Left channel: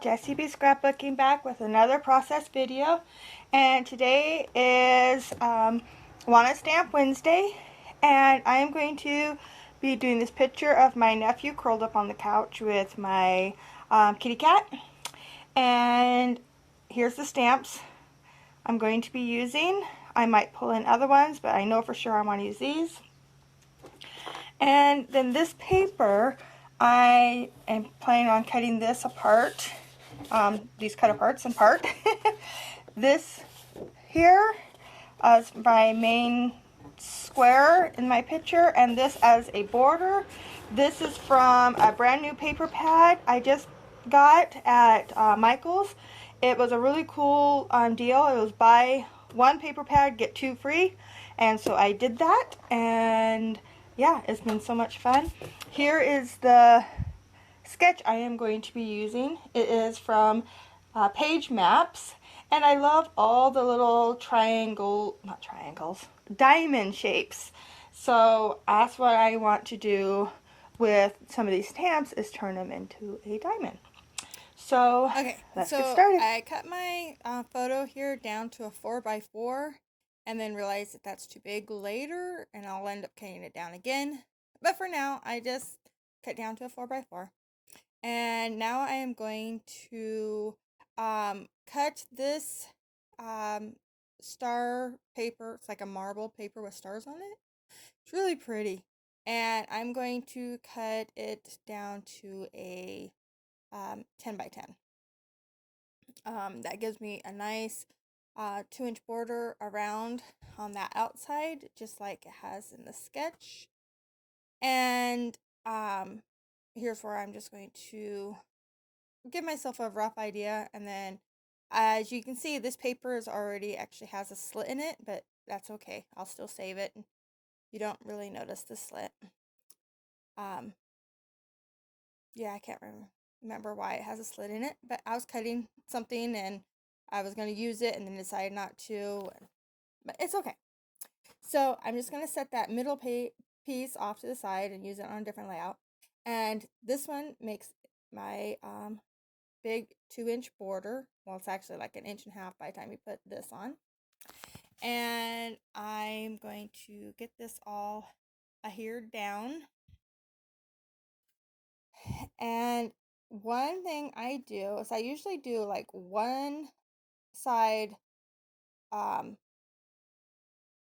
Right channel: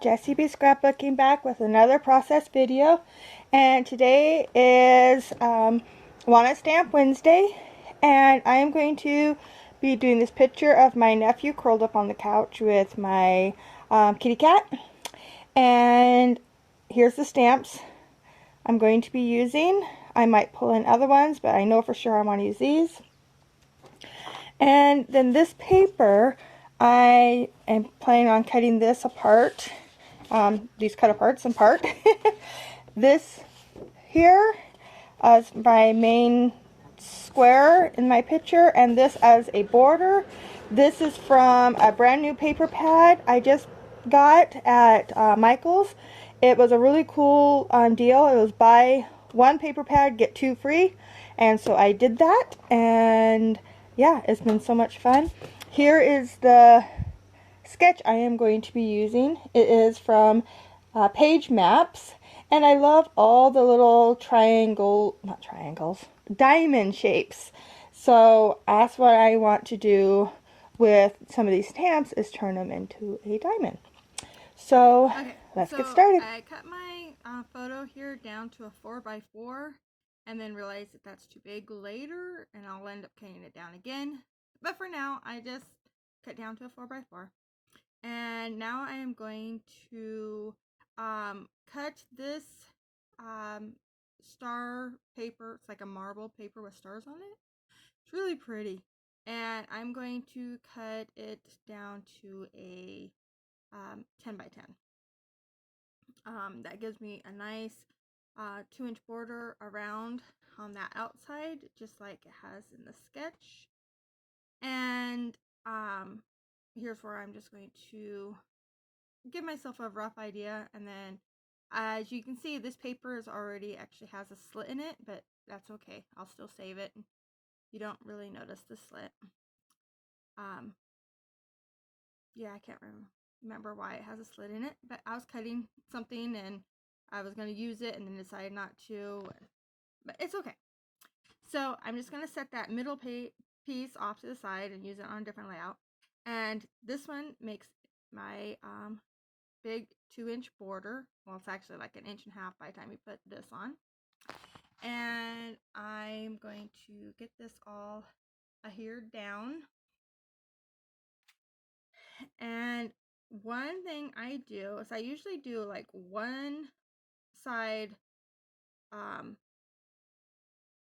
Jessie B Scrapbooking back with another process video, and today is Wanna Stamp Wednesday, and I am going to be doing this picture of my nephew curled up on the couch with my kitty cat. And here's the stamps I'm going to be using. I might pull in other ones, but I know for sure I want to use these. And then this paper, I am planning on cutting this apart, these cut aparts in part. This here is my main square in my picture, and this as a border. This is from a brand new paper pad I just got at Michael's. It was a really cool deal. It was buy one paper pad, get two free, and so I did that, and yeah, it's been so much fun. Here is the sketch I am going to be using. It is from Page Maps, and I love all the little diamond shapes. So that's what I want to do with some of these stamps, is turn them into a diamond. So let's get started. I cut my photo here down to a 4x4 and then realized that that's too big later, and I'll end up cutting it down again. But for now, I just cut down to a 4x4. And now I am going to cut this star paper. It's like a marble paper with stars on it. It's really pretty. And I'm going to cut it down to a 10 by 10. That gives me a nice 2-inch border around on that outside, just like it has in the sketch. And here's where I'm just going to give myself a rough idea. And then as you can see, this paper is already actually has a slit in it, but that's okay. I'll still save it. You don't really notice the slit. Yeah, I can't remember why it has a slit in it, but I was cutting something and I was going to use it and then decided not to, but it's okay. So I'm just going to set that middle piece off to the side and use it on a different layout. And this one makes my big 2-inch border. Well, it's actually like 1.5 inches by the time you put this on. And I'm going to get this all adhered down. And one thing I do is I usually do like one side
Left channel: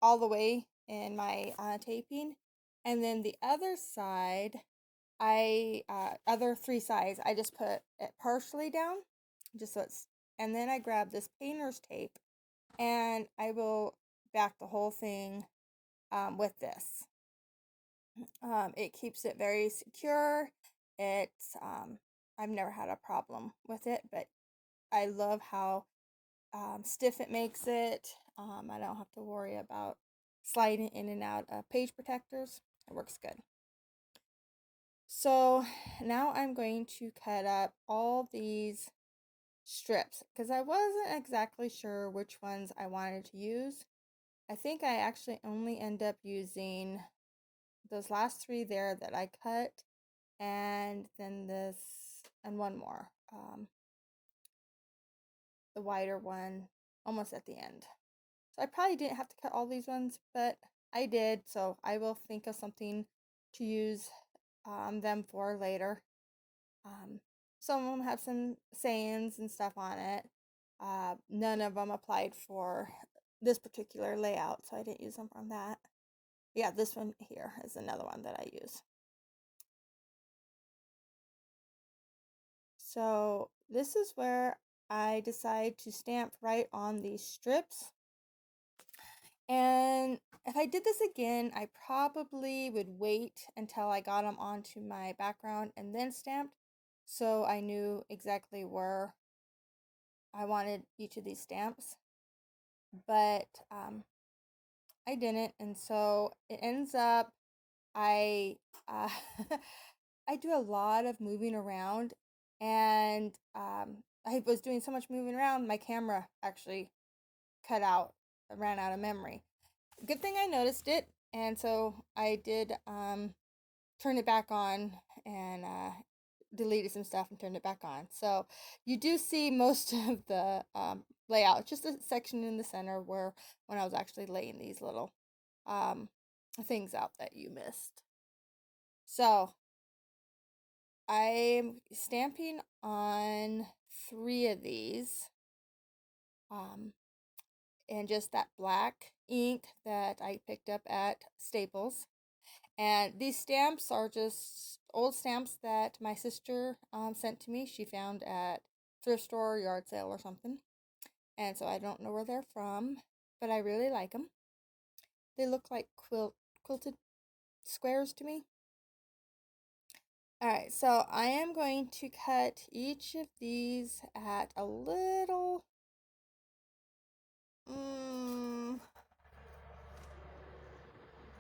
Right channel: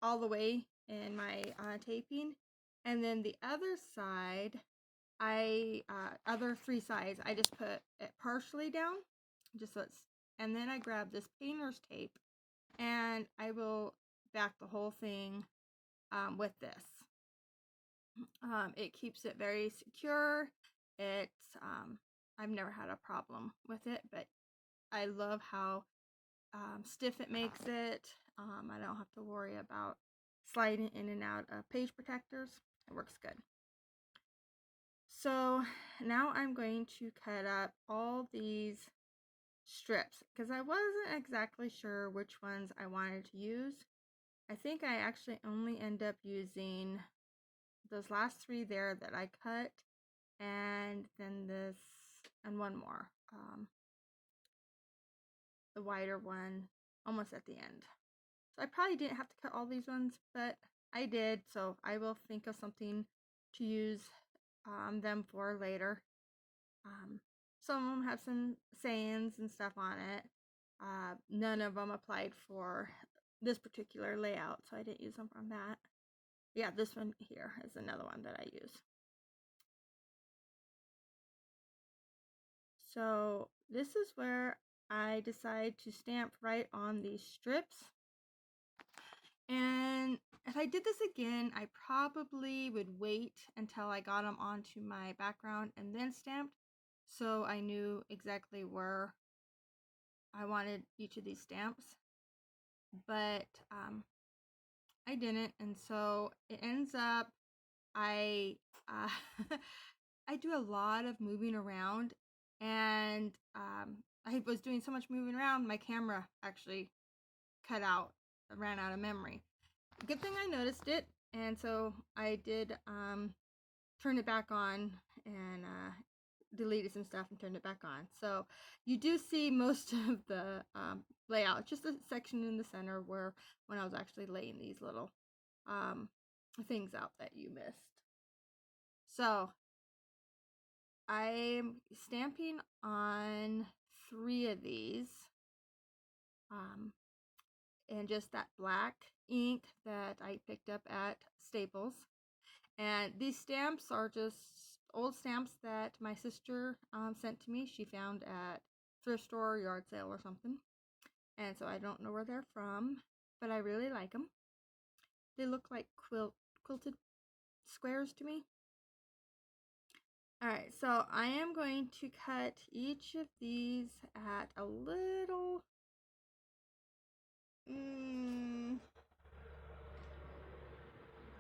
all the way in my taping, and then the other side, other 3 sides, I just put it partially down, just so it's, and then I grab this painter's tape and I will back the whole thing with this. It keeps it very secure. It's I've never had a problem with it, but I love how stiff it makes it. I don't have to worry about sliding in and out of page protectors. It works good. So now I'm going to cut up all these strips because I wasn't exactly sure which ones I wanted to use. I think I actually only end up using those last 3 there that I cut, and then this and one more, the wider one almost at the end. So I probably didn't have to cut all these ones, but I did, so I will think of something to use them for later. Some of them have some sayings and stuff on it. None of them applied for this particular layout, so I didn't use them from that. Yeah, this one here is another one that I use. So this is where I decide to stamp right on these strips. And if I did this again, I probably would wait until I got them onto my background and then stamped, so I knew exactly where I wanted each of these stamps. But I didn't, and so it ends up I I do a lot of moving around, and I was doing so much moving around, my camera actually ran out of memory. Good thing I noticed it, and so I did turn it back on and deleted some stuff and turned it back on. So you do see most of the layout, just a section in the center where when I was actually laying these little things out that you missed. So I'm stamping on 3 of these. And just that black ink that I picked up at Staples. And these stamps are just old stamps that my sister sent to me. She found at thrift store, yard sale, or something. And so I don't know where they're from, but I really like them. They look like quilted squares to me. Alright, so I am going to cut each of these at a little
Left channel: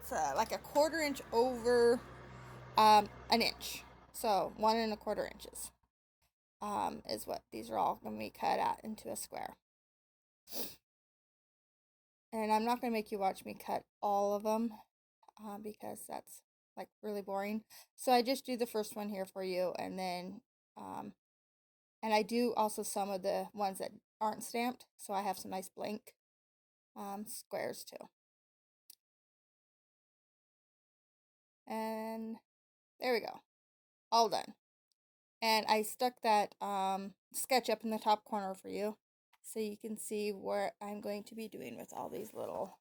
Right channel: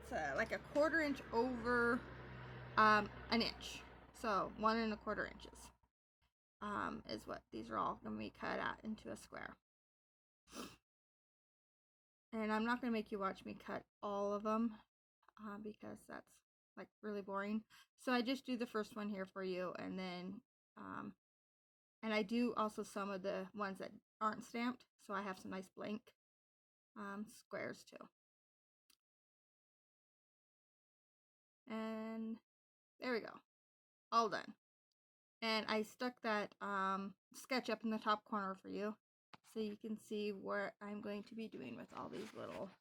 it's like a 1/4 inch over an inch. So 1 1/4 inches is what these are all going to be cut out into a square. And I'm not going to make you watch me cut all of them because that's like really boring. So I just do the first one here for you, and then and I do also some of the ones that aren't stamped, so I have some nice blank squares too. And there we go, all done. And I stuck that sketch up in the top corner for you, so you can see what I'm going to be doing with all these little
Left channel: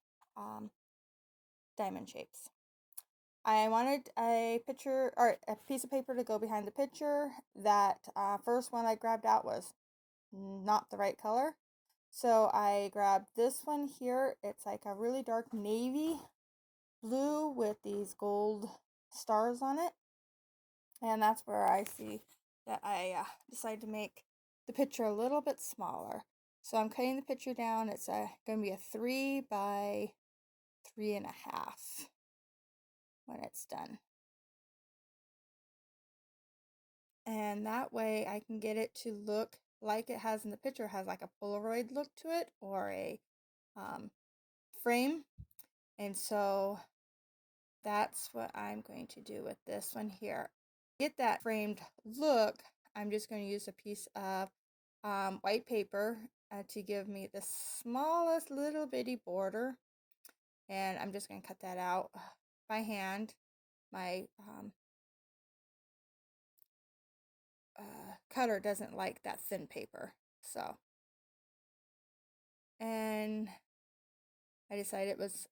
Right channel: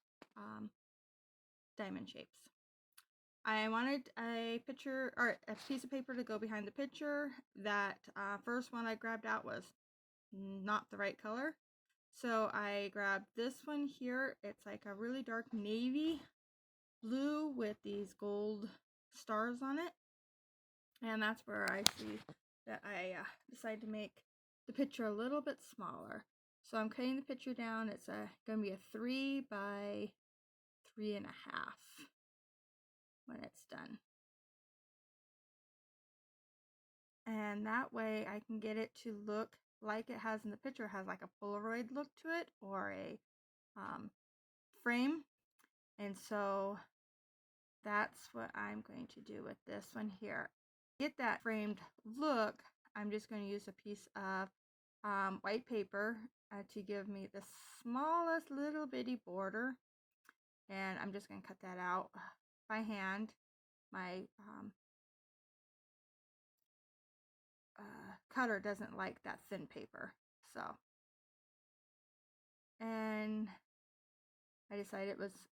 diamond shapes. I wanted a picture or a piece of paper to go behind the picture. That first one I grabbed out was not the right color, so I grabbed this one here. It's like a really dark navy blue with these gold stars on it, and that's where I see that I decided to make the picture a little bit smaller. So I'm cutting the picture down. It's going to be a 3 by 3.5 when it's done. And that way I can get it to look like it has in the picture. It has like a Polaroid look to it, or a frame. And so that's what I'm going to do with this one here. Get that framed look, I'm just going to use a piece of white paper to give me the smallest little bitty border, and I'm just going to cut that out by hand. My cutter doesn't like that thin paper, so, and I decided it was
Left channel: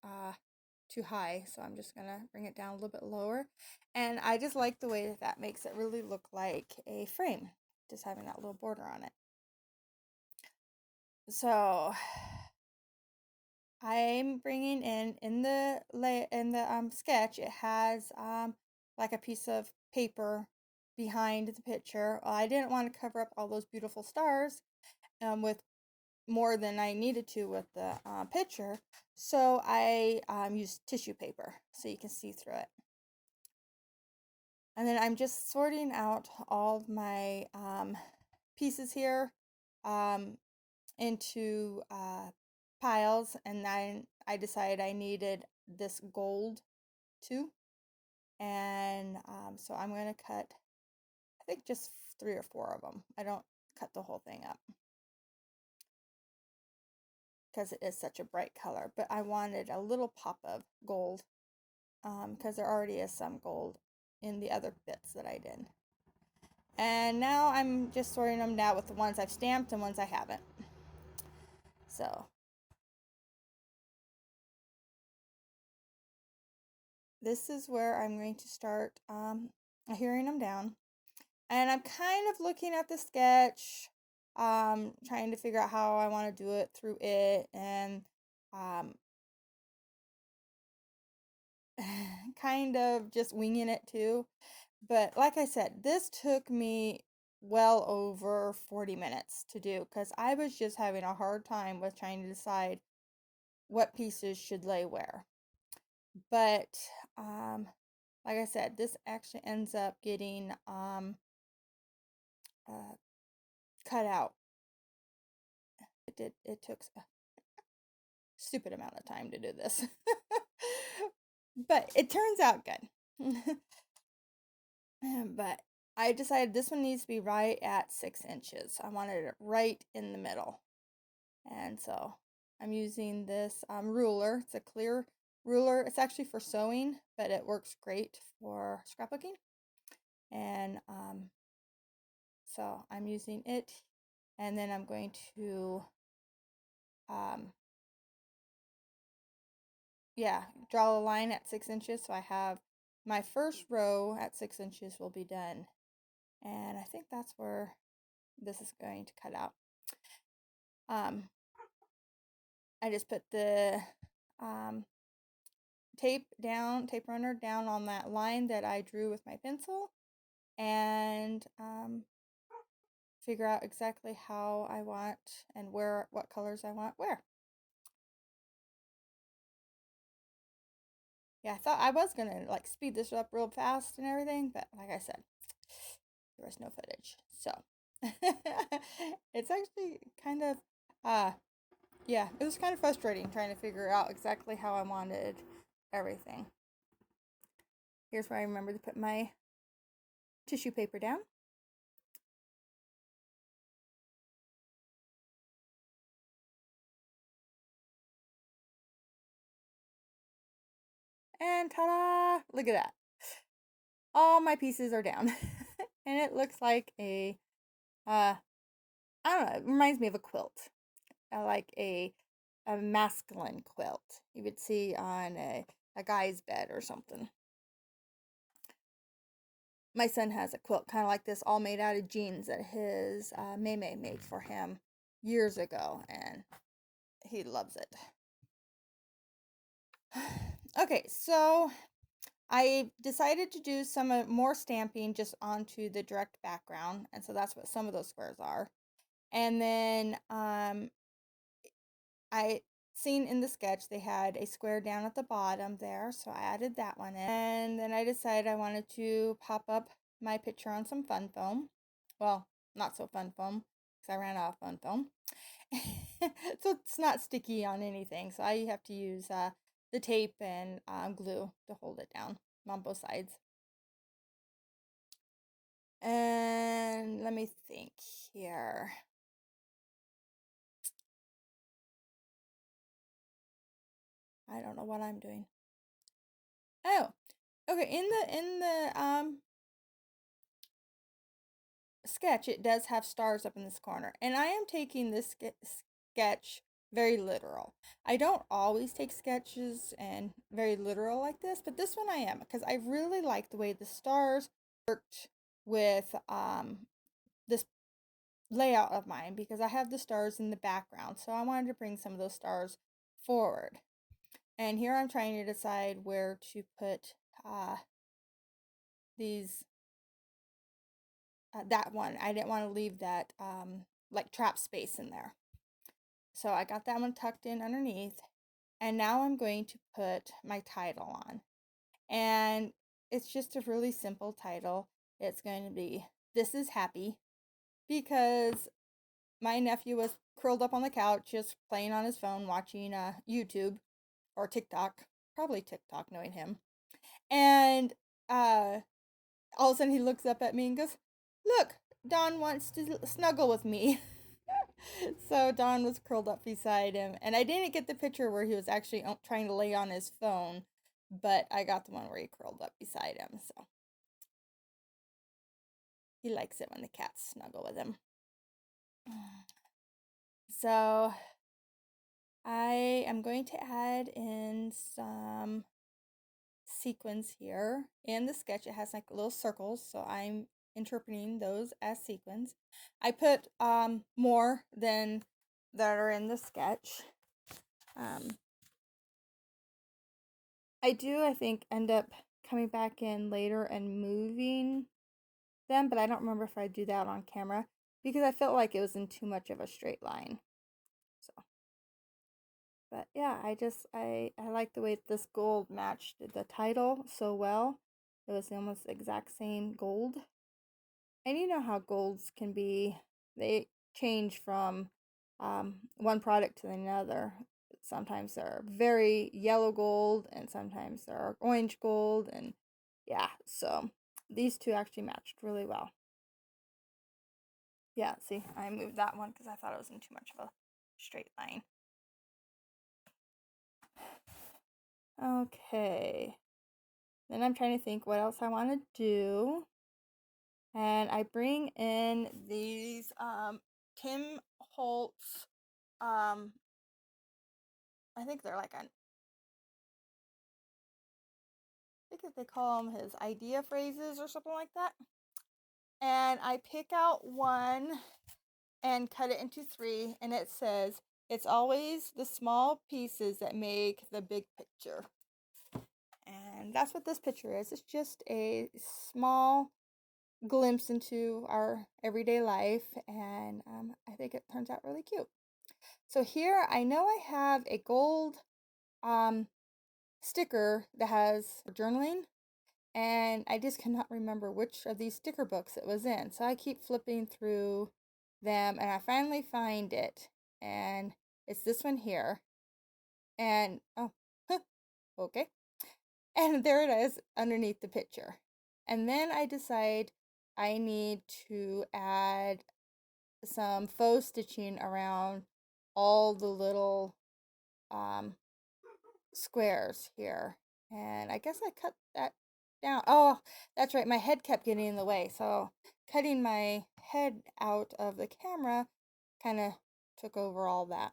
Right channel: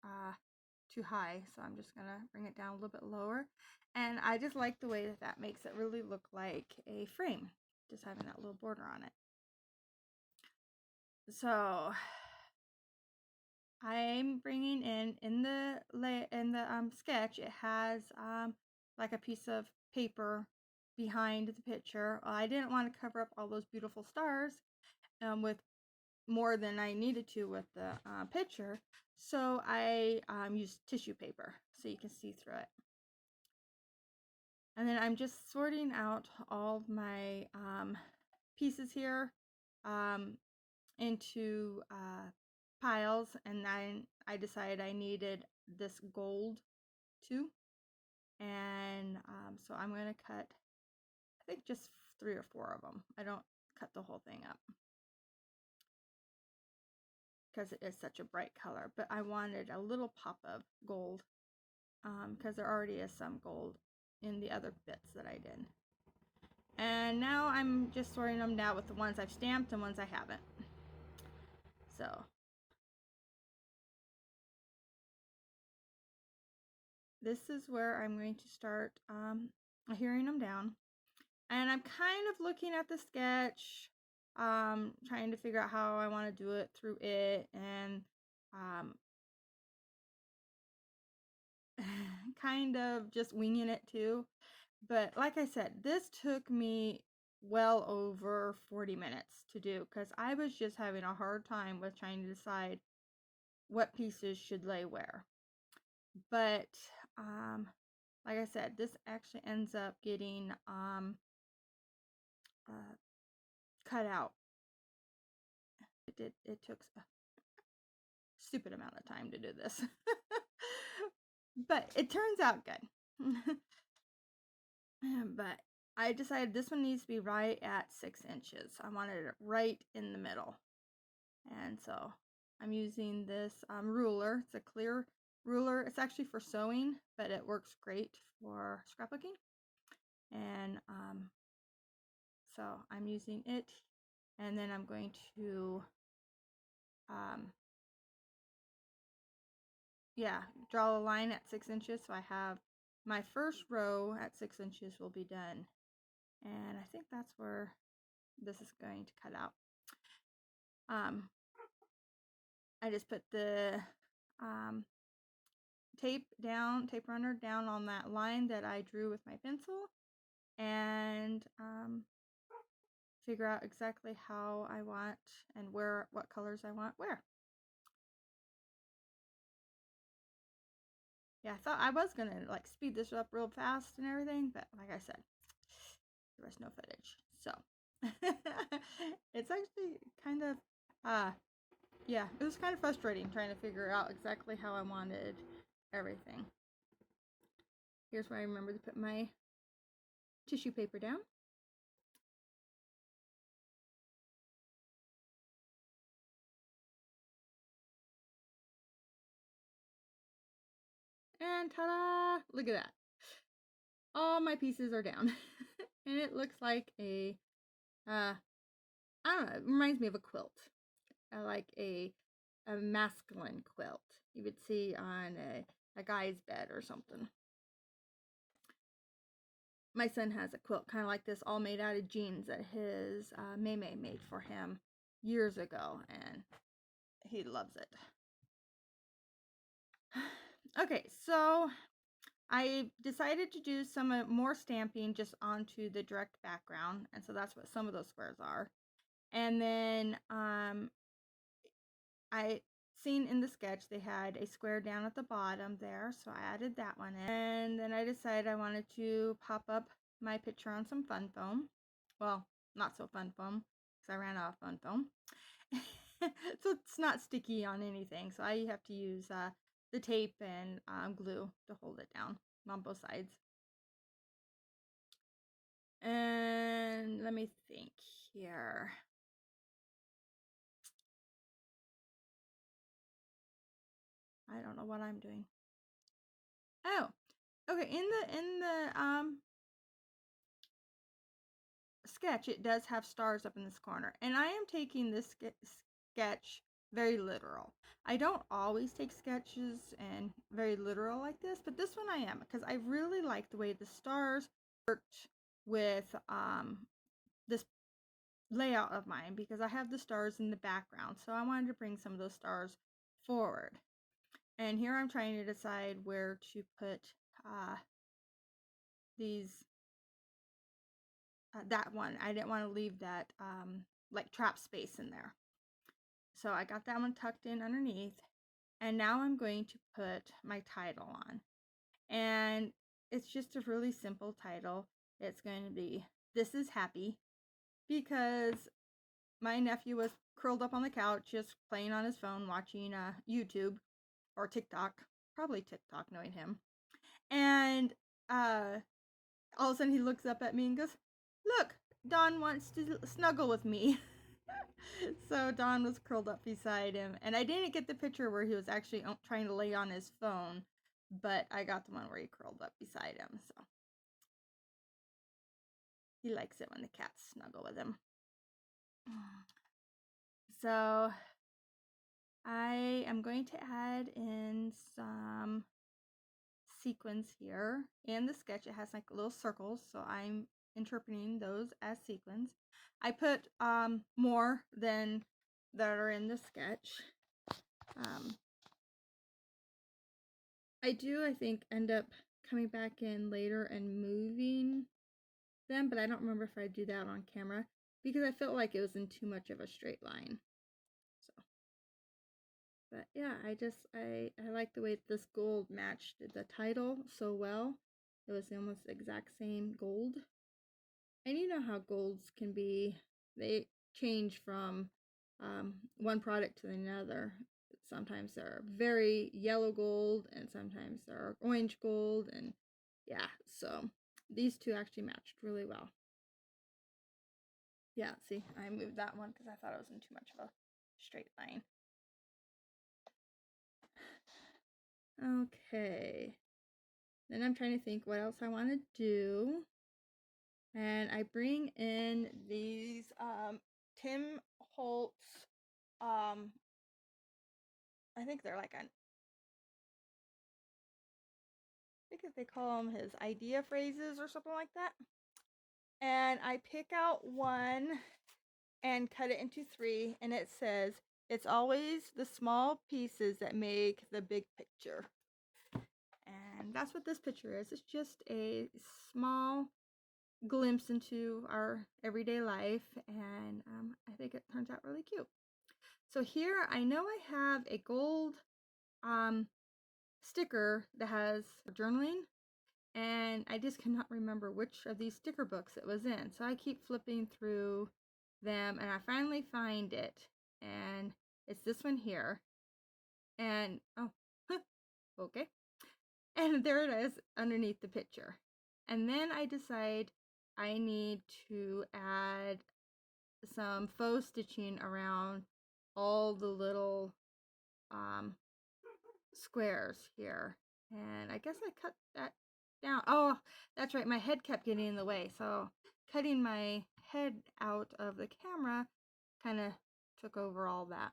too high, so I'm just gonna bring it down a little bit lower. And I just like the way that that makes it really look like a frame, just having that little border on it. So I'm bringing in the sketch, it has like a piece of paper behind the picture. I didn't want to cover up all those beautiful stars with more than I needed to with the picture, so I used tissue paper so you can see through it. And then I'm just sorting out all of my pieces here into piles, and then I decided I needed this gold too, and so I'm going to cut, I think, just 3 or 4 of them. I don't cut the whole thing up because it is such a bright color, but I wanted a little pop of gold because there already is some gold in the other bits that I did. And now I'm just sorting them now with the ones I've stamped and ones I haven't. So this is where I'm going to start hearing them down. And I'm kind of looking at the sketch, trying to figure out how I want to do it through it, and kind of just winging it too. But like I said, this took me well over 40 minutes to do because I was just having a hard time with trying to decide what pieces should lay where. But like I said, this actually ends up getting cut out. It took a stupid amount of time to do this. But it turns out good. But I decided this one needs to be right at 6 inches. I wanted it right in the middle. And so I'm using this ruler. It's a clear ruler. It's actually for sewing, but it works great for scrapbooking. And so I'm using it. And then I'm going to, draw a line at 6 inches. So I have my first row at 6 inches will be done. And I think that's where this is going to cut out. I just put the tape runner down on that line that I drew with my pencil, and figure out exactly how I want and what colors I want where. Yeah, I thought I was gonna like speed this up real fast and everything, but like I said, there was no footage. So it's actually kind of yeah, it was kind of frustrating trying to figure out exactly how I wanted everything. Here's where I remember to put my tissue paper down. And ta-da! Look at that. All my pieces are down. And it looks like a, I don't know, it reminds me of a quilt. Like a masculine quilt you would see on a guy's bed or something. My son has a quilt kind of like this, all made out of jeans that his Maymay made for him years ago, and he loves it. Okay, so I decided to do some more stamping just onto the direct background, and so that's what some of those squares are. And then I seen in the sketch they had a square down at the bottom there, so I added that one in. And then I decided I wanted to pop up my picture on some fun foam. Well, not so fun foam, because I ran out of fun foam. So it's not sticky on anything, so I have to use the tape and glue to hold it down on both sides. And let me think here. I don't know what I'm doing. Oh, okay. In the sketch, it does have stars up in this corner, and I am taking this sketch very literal. I don't always take sketches and very literal like this, but this one I am, because I really like the way the stars worked with this layout of mine, because I have the stars in the background, so I wanted to bring some of those stars forward. And here I'm trying to decide where to put these that one. I didn't want to leave that like trap space in there. So I got that one tucked in underneath. And now I'm going to put my title on. And it's just a really simple title. It's going to be "This is Happy," because my nephew was curled up on the couch just playing on his phone watching YouTube or TikTok, probably TikTok knowing him. And all of a sudden he looks up at me and goes, "Look, Don wants to snuggle with me." So Don was curled up beside him, and I didn't get the picture where he was actually trying to lay on his phone, but I got the one where he curled up beside him. So he likes it when the cats snuggle with him. So I am going to add in some sequins here. In the sketch, it has like little circles, so I'm interpreting those as sequins. I put more than that are in the sketch. I think, end up coming back in later and moving them, but I don't remember if I do that on camera because I felt like it was in too much of a straight line. So, but yeah, I like the way this gold matched the title so well. It was almost the exact same gold. And you know how golds can be, they change from one product to another. Sometimes they're very yellow gold, and sometimes they're orange gold, and yeah, so these two actually matched really well. Yeah, see, I moved that one because I thought it was in too much of a straight line. Okay. Then I'm trying to think what else I want to do. And I bring in these Tim Holtz, I think they're like I think if they call them his idea phrases or something like that. And I pick out one and cut it into 3, and it says, "It's always the small pieces that make the big picture." And that's what this picture is. It's just a small glimpse into our everyday life, and I think it turns out really cute. So here I know I have a gold sticker that has journaling, and I just cannot remember which of these sticker books it was in. So I keep flipping through them, and I finally find it, and it's this one here. And oh, okay. And there it is underneath the picture. And then I decide I need to add some faux stitching around all the little squares here. And I guess I cut that down. Oh, that's right. My head kept getting in the way. So cutting my head out of the camera kind of took over all that.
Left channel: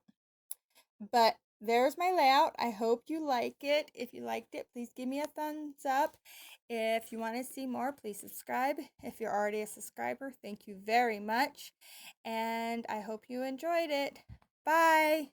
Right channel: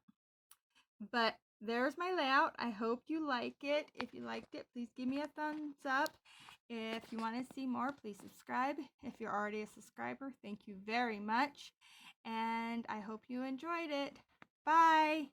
But there's my layout. I hope you like it. If you liked it, please give me a thumbs up. If you want to see more, please subscribe. If you're already a subscriber, thank you very much. And I hope you enjoyed it. Bye.